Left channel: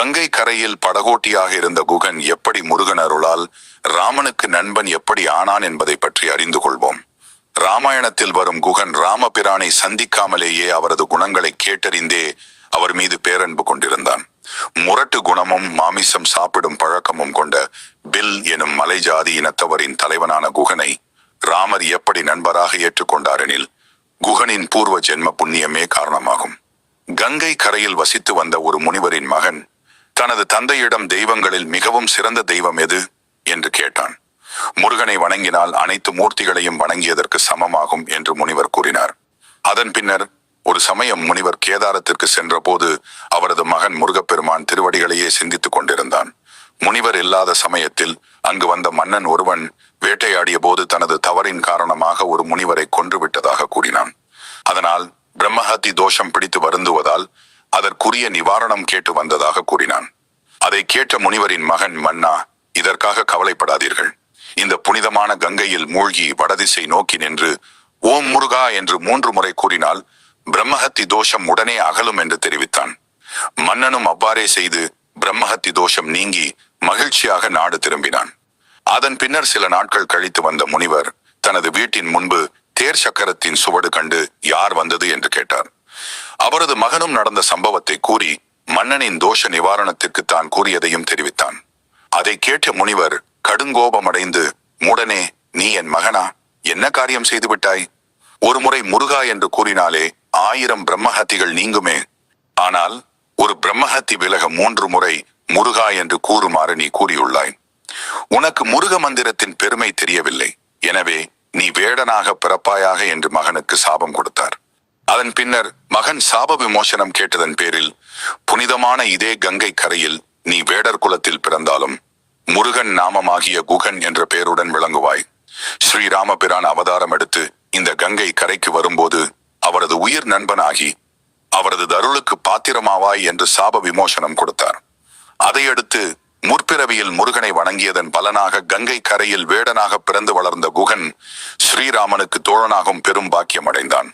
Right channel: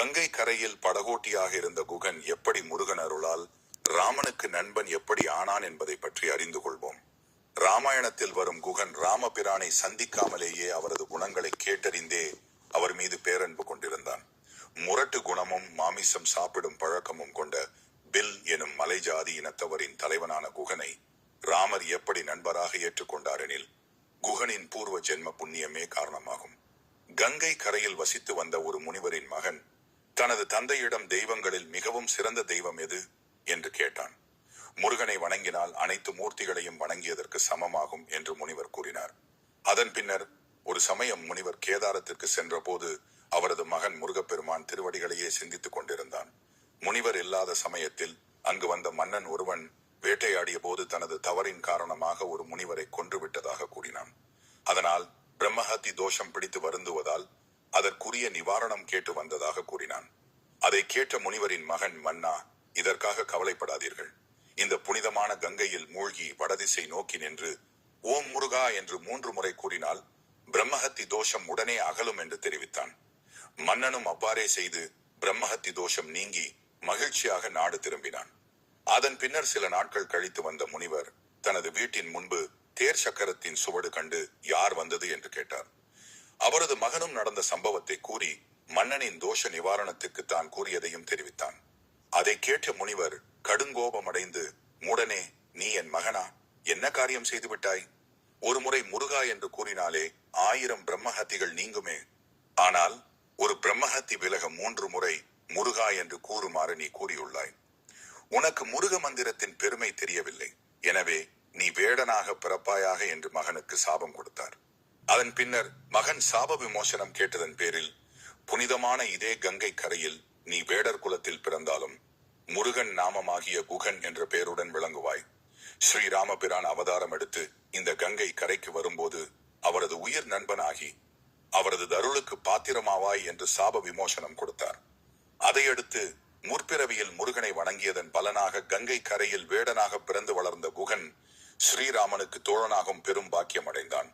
கங்கை கரையில் படகோட்டியாக இருந்த குகன் எப்படி முருகன் அருளால் ராமனுக்கு நண்பன் எப்படி ஆனான் என்பதை பற்றி அறிந்து கொள்வோம். ராமாயணத்தில் வரும் குகன் ராமபிரானை சந்திக்காமலேயே அவரது குணங்களை கேட்டறிந்தே அவர் மீது பேரன்பு கொண்டிருந்தான். முரட்டு குணமும் மாமிசம் சாப்பிடும் பழக்கமும் கொண்ட பில் எனும் மலை ஜாதி இனத்தவரின் தலைவனான குகனை ராமர் எப்படி நண்பராக ஏற்றுக்கொண்டாரெனில் குகனின் பூர்வ ஜென்ம புண்ணியமே காரணமாகும். கங்கை கரையில் வசித்து வந்த ஒரு முனிவரின் மகன் தனது தந்தையிடம் தெய்வங்களில் மிகவும் சிறந்த தெய்வம் எது என்று கேட்டான். முருகனை வணங்கினால் அனைத்து மூர்த்திகளையும் வணங்கியதற்கு சமமாகும் என்று முனிவர் கூறினார். அதன் பின்னர் ஒரு சமயம் முனிவர் கேதாரத்திற்கு சென்ற போது அவரது மகன் முருகப்பெருமான் திருவடிகளையே சிந்தித்துக் கொண்டிருந்தான். முனிவர் இல்லாத சமயத்தில் அங்கு வந்த மன்னன் ஒருவன் வேட்டையாடிய போது தனது தவறின் காரணமாக ஒரு முனிவரை கொன்றுவிட்டதாக கூறினான். அதனால் பிரம்மஹத்தி தோஷம் பிடித்து வருந்துவதால் அதற்குரிய நிவாரணம் கேட்டு வந்ததாக கூறினான். அதை கேட்ட முனிவரின் மகன், மன்னா, இதற்காக கவலைப்படாதீர்கள். இந்த புனிதமான கங்கையில் மூழ்கி வடதிசை நோக்கி நின்று ஓம் முருகா என்று 3 முறை கூறினால் பிரம்மஹத்தி தோஷம் உடனே அகலும் என்று தெரிவித்தான். மன்னனும் அவ்வாறே செய்து பிரம்மஹத்தி தோஷம் நீங்கி மகிழ்ச்சியாக நாடு திரும்பினான். அதன் பின்னர் சில நாட்கள் கழித்து வந்த முனிவர் தனது வீட்டின் முன்பு தேர் சக்கரத்தின் சுவடு கண்டு யார் வந்தது என்று கேட்டார். அவரது மகனும் நடந்த சம்பவத்தை கூறி மன்னனின் தோஷ நிவாரணத்திற்கு தான் கூறியதையும் தெரிவித்தான். அதை கேட்ட முனிவர் கடுங்கோபமடைந்து, மூடனே, நீ என் மகனா? என்ன காரியம் செய்து விட்டாய்? ஒரு முறை முருகா என்று கூறினாலே 1000 பிரம்மஹத்திகள் நீங்குமே. ஆனால் ஒரு பிரம்மஹத்தி விலக 3 முறை முருகா என்று கூறுமாறு நீ கூறியுள்ளாய். உனக்கு முருக மந்திரத்தின் பெருமை தெரியவில்லை. எனவே நீ வேடனாக பிறப்பாயாக என்று மகனுக்கு சாபம் கொடுத்தார். அதன் பின்னர் மகன் சாப விமோசனம் கேட்டதன் பேரில் புனிதமான இதே கங்கை கரையில் நீ வேடர் குலத்தில் பிறந்தாலும் முருகன் நாமமாகிய குகன் என்ற பெயருடன் விளங்குவாய். ஸ்ரீராமபிரான் அவதாரம் எடுத்து இந்த கங்கை கரைக்கு வரும்போது அவரது உயிர் நண்பனாகி அவரது தருளுக்கு பாத்திரமாவாய் என்று சாப விமோசனம் கொடுத்தார். அதையடுத்து முற்பிறவியில் முருகனை வணங்கியதன் பலனாக கங்கை கரையில் வேடனாக பிறந்து வளர்ந்த குகன் ஸ்ரீராமனுக்கு தோழனாகும் பெரும் பாக்கியம் அடைந்தான்.